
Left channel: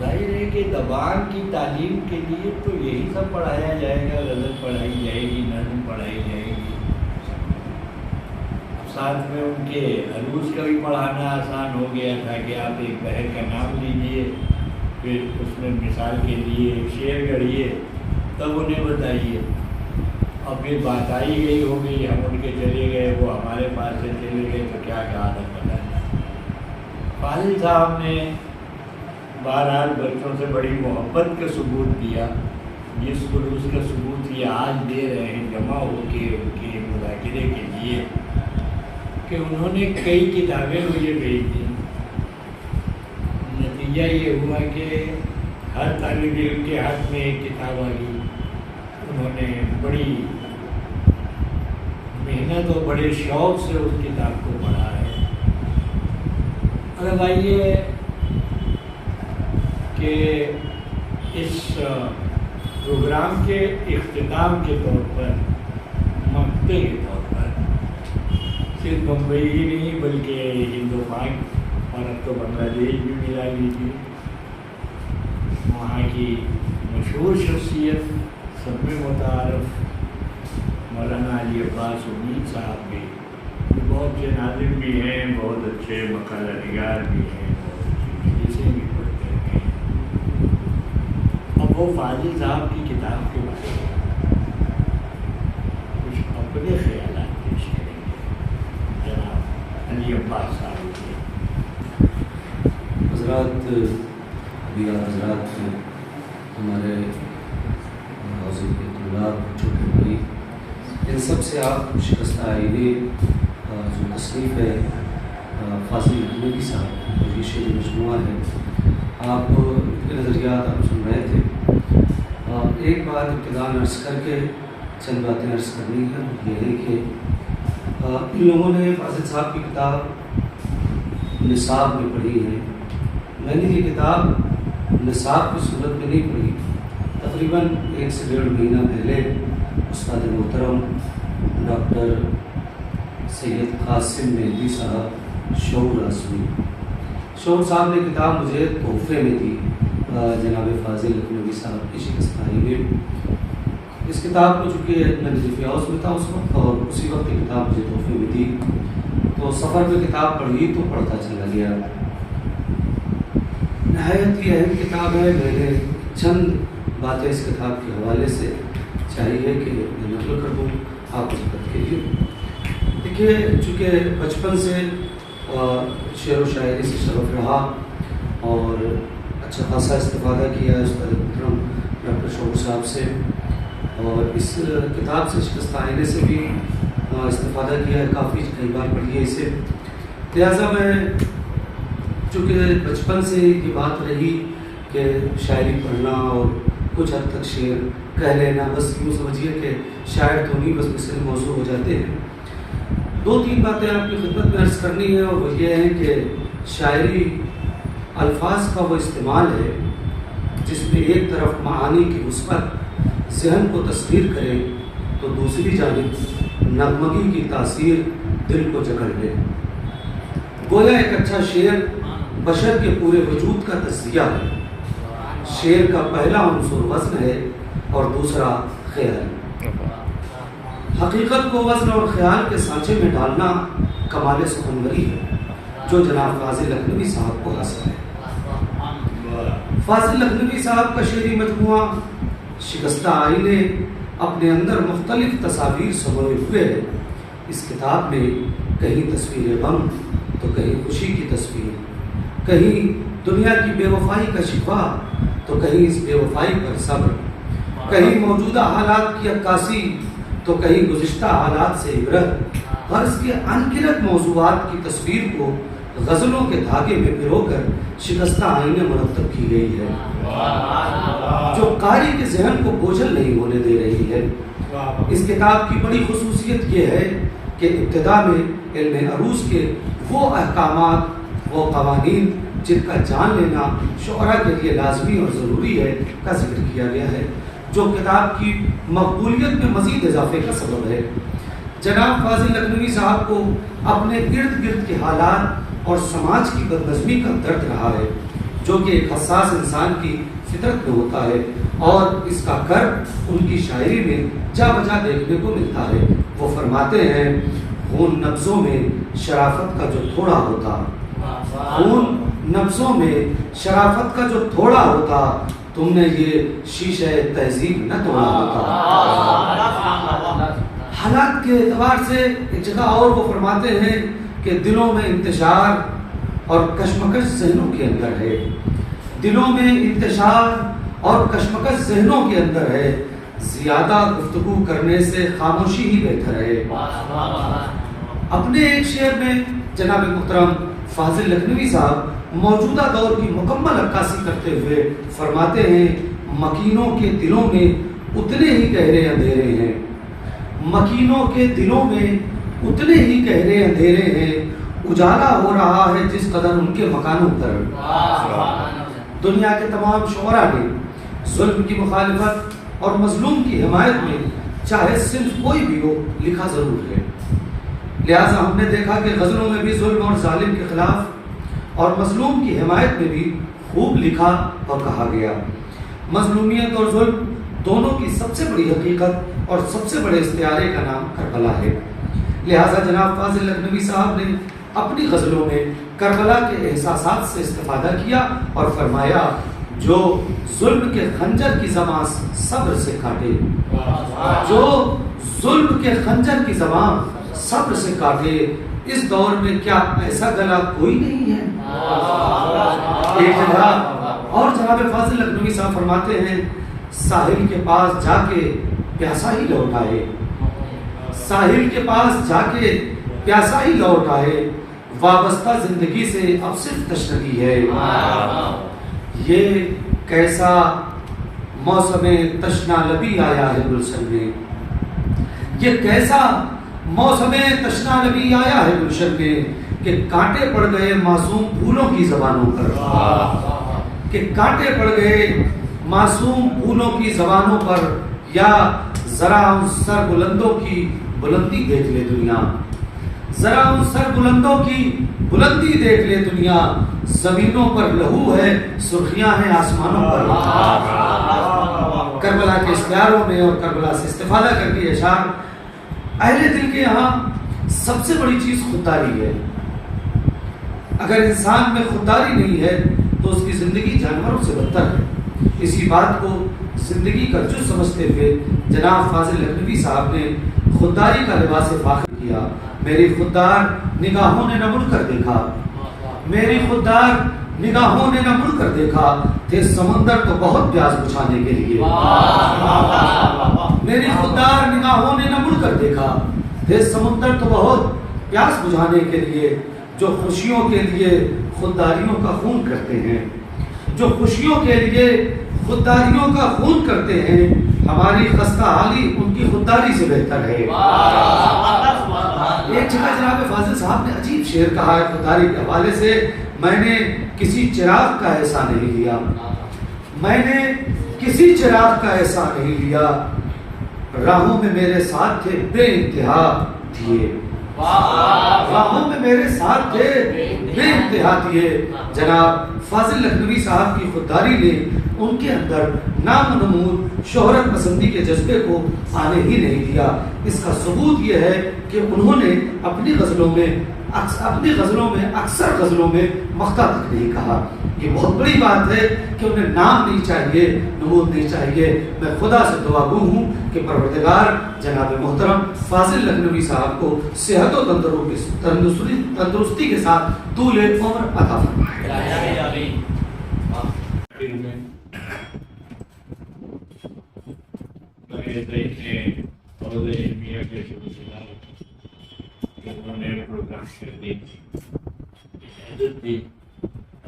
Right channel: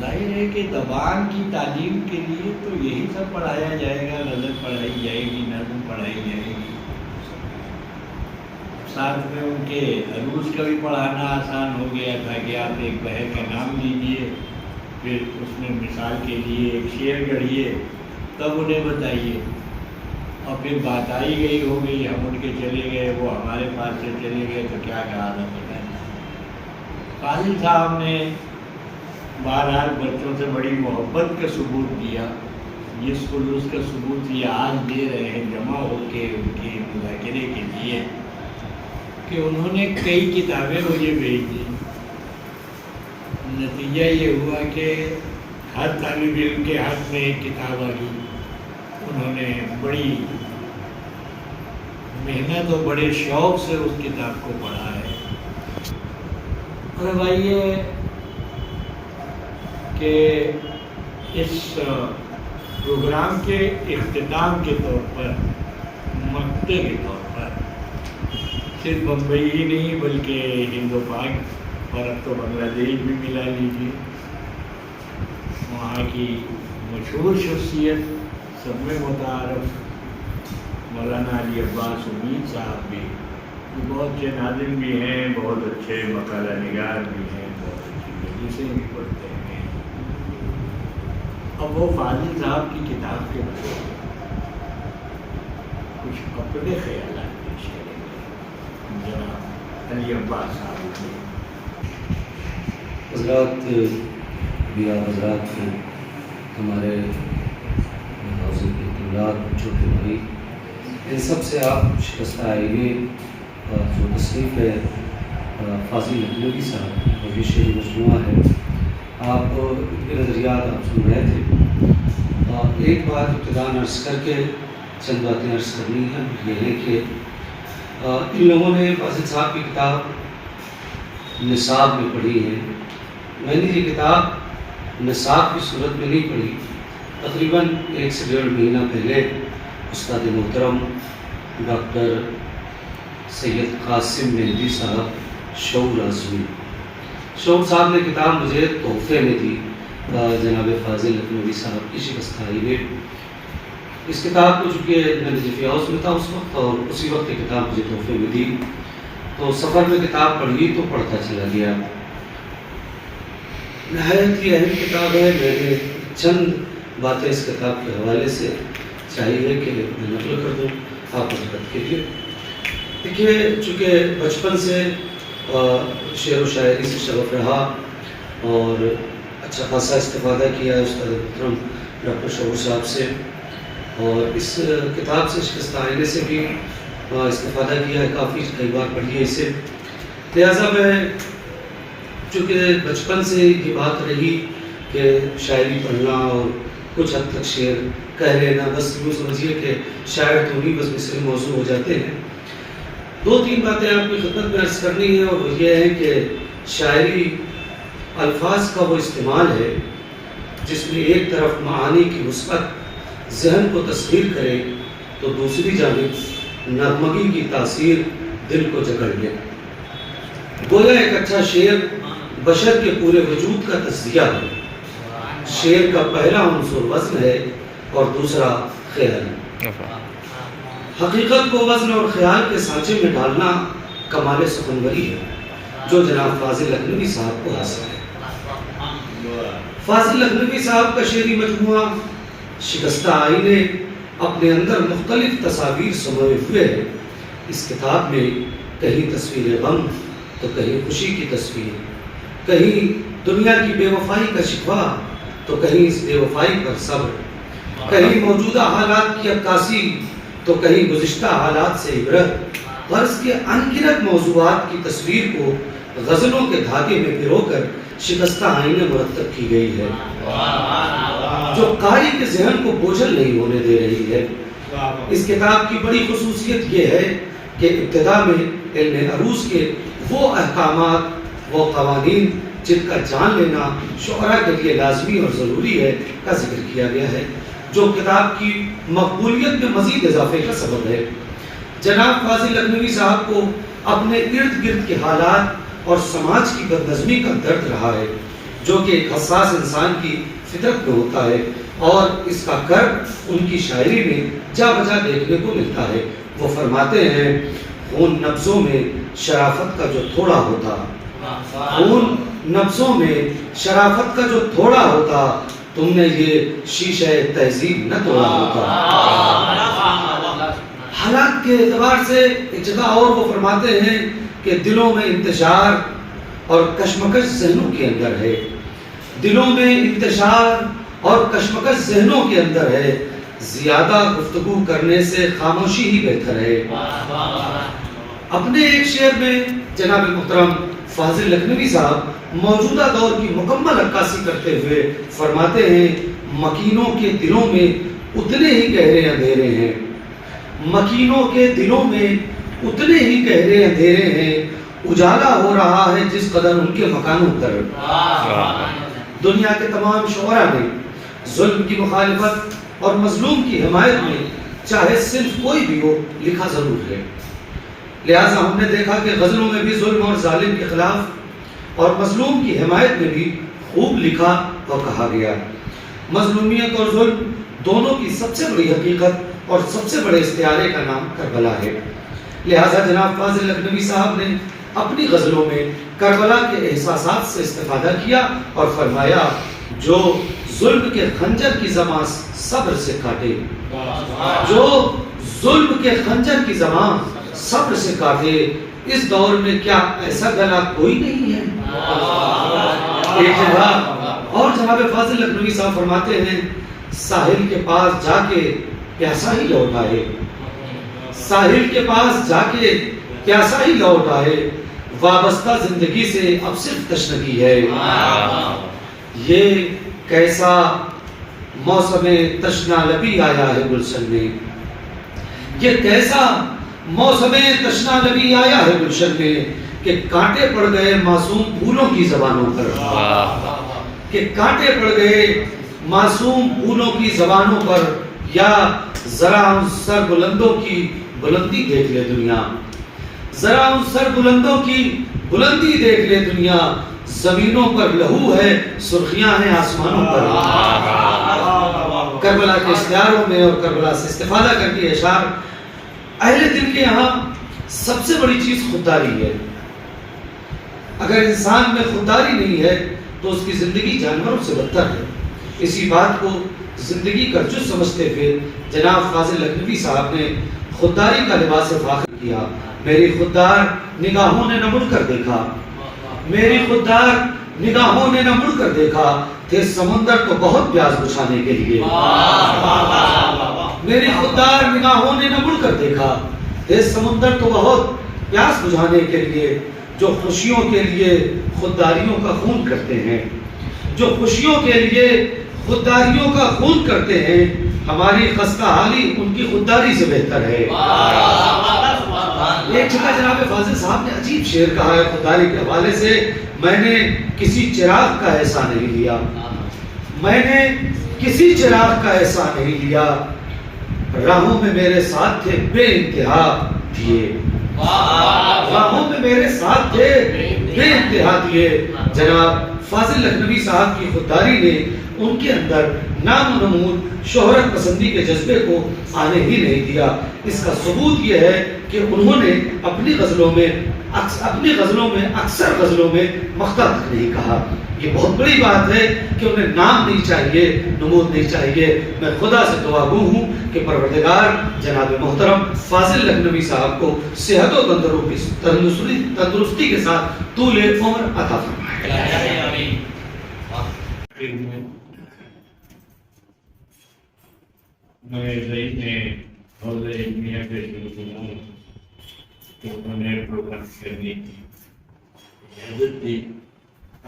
ظاہر ہے کہ زبان کی تعلیم کے لیے تو یہی سب پڑھایا جائے گا، غزل پڑھائی جائے گی، نظم پڑھائی جائے گی، ساتھ میں ان کے عروض کا بھی پڑھانا آسان ہو گیا تھا کہ آپ ایک بحر کا نام لیجیے، پھر اس میں مثال کے لیے ایک شعر گڑھیے، تب انہیں بتائیے، اور پھر بات آئی گئی ہو گئی، ہم ان کے چلے گئے، وہ ہمارے پاس سے چلے گئے، تو کیا کہا تھا پتہ نہیں۔ فاضل صاحب نے بہرحال بچوں سے بڑی محبت کا ثبوت دیا، جس خلوص کا ثبوت یہ آج دے رہے ہیں جمع ہو کے ان کے مذاکرے کے لیے، کہ انہوں نے کئی کتابیں مجھے بھیج دی۔ نتیجہ یہ ہوا کہ ہر طالب علم کے ہاتھ میں ایک کتاب آ گئی، انہوں نے بڑی محنت اور بڑے شوق سے اس کتاب کو پڑھا ہے۔ اور اب آئیے کہ اس پروگرام کے اختتام کے طور پر، مقطع کے طور پر، صرف بمبئی ہی نہیں بلکہ ہند و پاک اور اب تو بنگلہ دیش بھی ملا لیجیے، وہاں کی مشہور شخصیت سب میں متعارف مولانا علی عباس امید صاحب بھی، جو بہت سے ناظرین بھی ہیں، بہت اچھے مقالہ نگار بھی ہیں، بہت اچھی حدیثیں بھی پڑھتے ہیں۔ اب وہ فاضل صاحب کی کتاب کے بارے میں کچھ اپنے خیالات پیش کریں گے، جناب علی عباس صاحب کے۔ حضرات، بھی حضرات، ہمارے حاضر کے طلاب، چھوٹے بھائی، ان سب سے آپ شکستہ آئینے جو تصنیف ہے فاضل لکھنوی صاحب اور یہ شعری مجموعہ ہے، آپ کے نظریات آپ سن رہے تھے۔ ایک بات ابتداءً عرض کر کے چند باتیں عرض کرنی ہے، یہ ہے کہ ان لوگوں نے فاضل صاحب کی کتاب نصاب میں پڑھی ہے۔ میں نے یہ کتاب نصاب کی صورت میں نہیں پڑھی، تقریباً 1 سے 1.5 مہینہ پہلے استاد محترم ڈاکٹر سید قاسم مہدی صاحب شعور اعظمی، شعور صاحب نے کتاب مجھے تحفے میں دی جناب فاضل لکھنوی صاحب کی شکستائی میں۔ اس کتاب کو چونکہ میں نجف ہاؤس میں تھا اس وقت، اور اسی وقت یہ کتاب مجھے تحفے میں دی، تو سفر میں کتاب پڑھی تو پڑھتا چلا گیا۔ نہایت ہی اہم کتاب ہے، میں نے چند باتیں اس کتاب کے حوالے سے چاہیے کہ میں نقل کر دوں آپ حضرت کے لیے۔ دیکھیے، چونکہ بچپن سے شعر و شاعری سے شغف رہا اور اچھا خاصا استفادہ کیا استاد محترم ڈاکٹر شعور صاحب سے، اور اس کتاب سے شکستہ آئینے سے بھی استفادہ کیا ہے، کافی کئی بار پڑھی ہے اسے۔ لہٰذا میں چونکہ بچپن سے یہ بات رہی کہ شاعری پڑھنا اور کچھ حد تک شعر کہہ لینا، بس یوں سمجھیے کہ شاعر تو نہیں، بس مصرے موضوع ہو جاتے ہیں۔ 2-3 باتیں آپ کی خدمت میں عرض کرنی ہے، اور وہ یہ ہے کہ شاعری الفاظ کا وہ استعمال ہے جس میں ایک طرف معانی کی مثبت ذہن کو تصویر کرے تو دوسری جانب نغمگی کی تاثیر دل کو جکڑ لے۔ گویا ایک اچھا شعر بشر کے پورے وجود کا تجزیہ ہے۔ شعر کا پہلا عنصر وزن ہے اور دوسرا خیال۔ حقیقت کو وزن اور خیال کے سانچے میں ڈالنا کمال سخنوری ہے جو جناب فاضل لکھنوی صاحب کو حاصل ہے۔ فاضل لکھنوی صاحب کا شعری مجموعہ شکستہ آئینے اپنے اندر مختلف تصاویر سموئے ہوئے ہے۔ اس کتاب میں کہیں تصویر غم تو کہیں خوشی کی تصویر، کہیں دنیا کی بے وفائی کا شکوہ تو کہیں اس بے وفائی پر صبر، کہیں موجودہ حالات کی عکاسی تو کہیں گزشتہ حالات سے عبرت۔ غرض کے انگنت موضوعات کی تصویر کو غزلوں کے دھاگے میں پرو کر شکستہ آئینے مرتب کی گئی ہے، جو قاری کے ذہن کو بوجھل نہیں ہونے دے رہی ہے۔ اس کتاب کی بڑی خصوصیت یہ ہے کہ ابتدا میں علم عروض کے وہ احکامات، وہ قوانین جن کا جان لینا شعراء کے لیے لازمی اور ضروری ہے کا ذکر کیا گیا ہے، جو کتاب کی مقبولیت میں مزید اضافے کا سبب ہے۔ جناب فاضل لکھنوی صاحب کو اپنے ارد گرد کے حالات اور سماج کی بدنظمی کا درد رہا ہے، جو کہ ایک حساس انسان کی فطرت میں ہوتا ہے، اور اس کا کرب ان کی شاعری میں جا بجا دیکھنے کو ملتا ہے۔ وہ فرماتے ہیں خون نبضوں میں شرافت کا جو تھوڑا ہوتا، خون نبضوں میں شرافت کا جو تھوڑا ہوتا، تم نے یہ شیشہ تہذیب نہ توڑا ہوتا۔ حالات کے اعتبار سے ایک جگہ اور وہ فرماتے ہیں کہ دلوں میں انتشار اور کشمکش ذہنوں کے اندر ہے، دلوں میں انتشار اور کشمکش ذہنوں کے اندر ہے، زیادہ گفتگو کرنے سے خاموشی ہی بہتر ہے۔ اپنے ایک شعر میں جناب محترم فاضل لکھنوی صاحب موجودہ دور کی مکمل عکاسی کرتے ہوئے فرماتے ہیں مکینوں کے دلوں میں اتنے ہی گہرے اندھیرے ہیں، مکینوں کے دلوں میں اتنے ہی گہرے اندھیرے ہیں، اجالا ہو رہا ہے جس قدر ان کے مکانوں پر۔ دنیا کے تمام شعراء نے ظلم کی مخالفت اور مظلوم کی حمایت میں چاہے صرف کوئی بھی ہو لکھا ضرور ہے، لہٰذا ہم نے دیکھا کہ غزلوں میں بھی ظلم اور ظالم کے خلاف اور مظلوم کی حمایت میں بھی خوب لکھا اور کہا گیا۔ مظلومیت اور ظلم دونوں کی سب سے بڑی حقیقت اور سب سے بڑے استعارے کا نام کربلا ہے، لہٰذا جناب فاضل لکھنوی صاحب نے اپنی غزلوں میں کربلا کے احساسات سے استفادہ کیا اور فرمایا جو ظلم کے خنجر کی زبان صبر سے کاٹے، جو ظلم کے خنجر کی زبان صبر سے کاٹے، اس دور میں کیا ایسا گلا کوئی نہیں ہے۔ ایک جگہ اور جناب فاضل لکھنوی صاحب فرماتے ہیں ساحل کے پاس جا کے پیاسا ہی لوٹ آئے، ساحل کے پاس جا کے پیاسا ہی لوٹ آئے، وابستہ زندگی سے اب صرف تشنگی ہے۔ یہ کیسا موسم تشنا لبی آیا ہے گلشن میں، یہ کیسا موسم تشنا لبی آیا ہے گلشن میں کہ کانٹے پڑ گئے معصوم پھولوں کی زبانوں پر، کہ کانٹے پڑ گئے معصوم پھولوں کی زبانوں پر، یا ذرا ان سر بلندوں کی بلندی دیکھ لے دنیا، ذرا ان سر بلندوں کی بلندی دیکھ لے دنیا، زمینوں پر لہو ہے سرخیاں ہیں آسمانوں پر۔ کربلا کے اشعاروں میں اور کربلا سے استفادہ کر کے اشعار اہل دل کے یہاں سب سے بڑی چیز خودداری ہے۔ اگر انسان میں خودداری نہیں ہے تو اس کی زندگی جانوروں سے بدتر ہے۔ اسی بات کو زندگی کا جز سمجھتے ہوئے جناب فاضل لکھنوی صاحب نے خودداری کا لباس فاخر کیا۔ میری خوددار نگاہوں نے نہ مڑ کر دیکھا، میری خوددار نگاہوں نے نہ مڑ کر دیکھا، تھے سمندر تو بہت پیاس بجھانے کے لیے۔ میری خوددار نگاہوں نے نہ مڑ کر دیکھا، تھے سمندر تو بہت پیاس بجھانے کے لیے، جو خوشیوں کے لیے خودداریوں کا خون کرتے ہیں، جو خوشیوں کے لیے خودداریوں کا خون کرتے ہیں، ہماری خستہ حالی ان کی خودداری سے بہتر ہے۔ ایک جگہ جناب فاضل صاحب نے عجیب شعر کہا ہے خودداری کے حوالے سے، میں نے کسی چراغ کا ایسا نہیں لیا، میں نے کسی چراغ کا ایسا نہیں لیا، راہوں میں میرے ساتھ تھے بے انتہا دیے، راہوں میں میرے ساتھ تھے بے انتہا دیے۔ جناب فاضل لکھنوی صاحب کی خودداری نے ان کے اندر نام و نمود شہرت پسندی کے جذبے کو آنے ہی نہیں دیا۔ اس کا ثبوت یہ ہے کہ انہوں نے اپنی غزلوں میں اکثر غزلوں میں مقطع تک نہیں کہا۔ یہ بہت بڑی بات ہے کہ انہیں نام نہیں چاہیے، نمود نہیں چاہیے۔ میں خدا سے دعا گو ہوں کہ پروردگار جناب محترم فاضل لکھنوی صاحب کو صحت و تندرستی کے ساتھ طول عمر عطا فرمائے۔ نئے رئیس نے حوض علمیہ کے شروع کہ انہوں نے پروگرام کرنے کی اجازت دی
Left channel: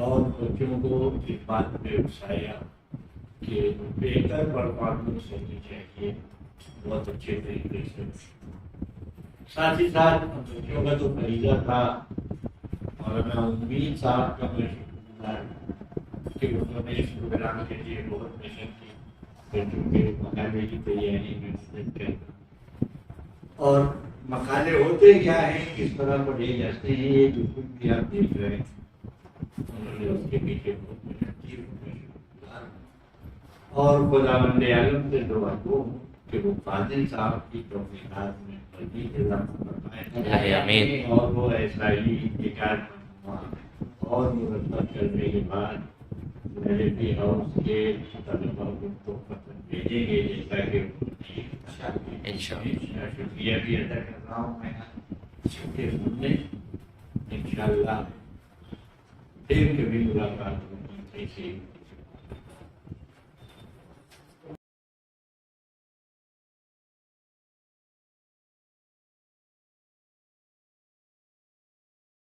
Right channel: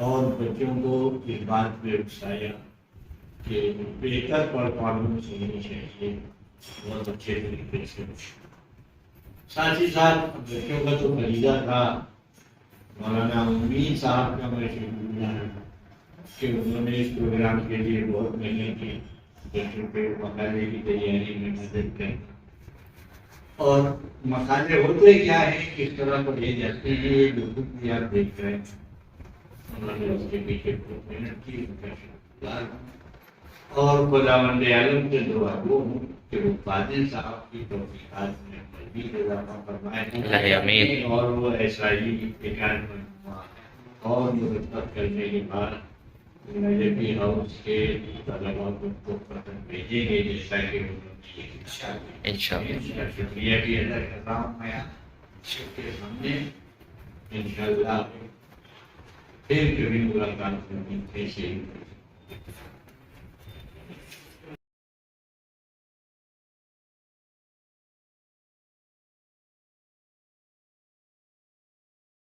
اور بچوں کو اس بات پہ اکسایا کہ بہتر پرفارمنس ہونی چاہیے، بہت اچھے طریقے سے۔ ساتھ ہی ساتھ بچوں کا جو فریضہ تھا مولانا امید صاحب کا میں شکر گزار کہ انہوں نے اس پروگرام کے لیے بہت محنت کی، بچوں کے مقالے کی تیاری میں مدد کی۔ اور مقالے ہوتے کیا ہیں، کس طرح پڑھے جاتے ہیں، یہ جو کچھ بھی آپ دیکھ رہے ہیں انہوں نے اس کے پیچھے بہت محنت کی، ان کا شکرگزار ہوں، اور خداوند عالم سے دعا گو ہوں کہ وہ فاضل صاحب کی توفیقات میں مزید اضافہ فرمائے آمین۔ اور وہ ایسا ہی ابتکار کرنا اور مرتب کرنے کے بعد نجفی ہاؤس کے طلباء کو پسند بھیجیں گے، جیسا کہ انشاءاللہ شکریہ بھی ادا کر رہا ہوں میں آپ کے سامنے۔ انشاءاللہ پھر کبھی ملاقات ہوگی ایسے ہی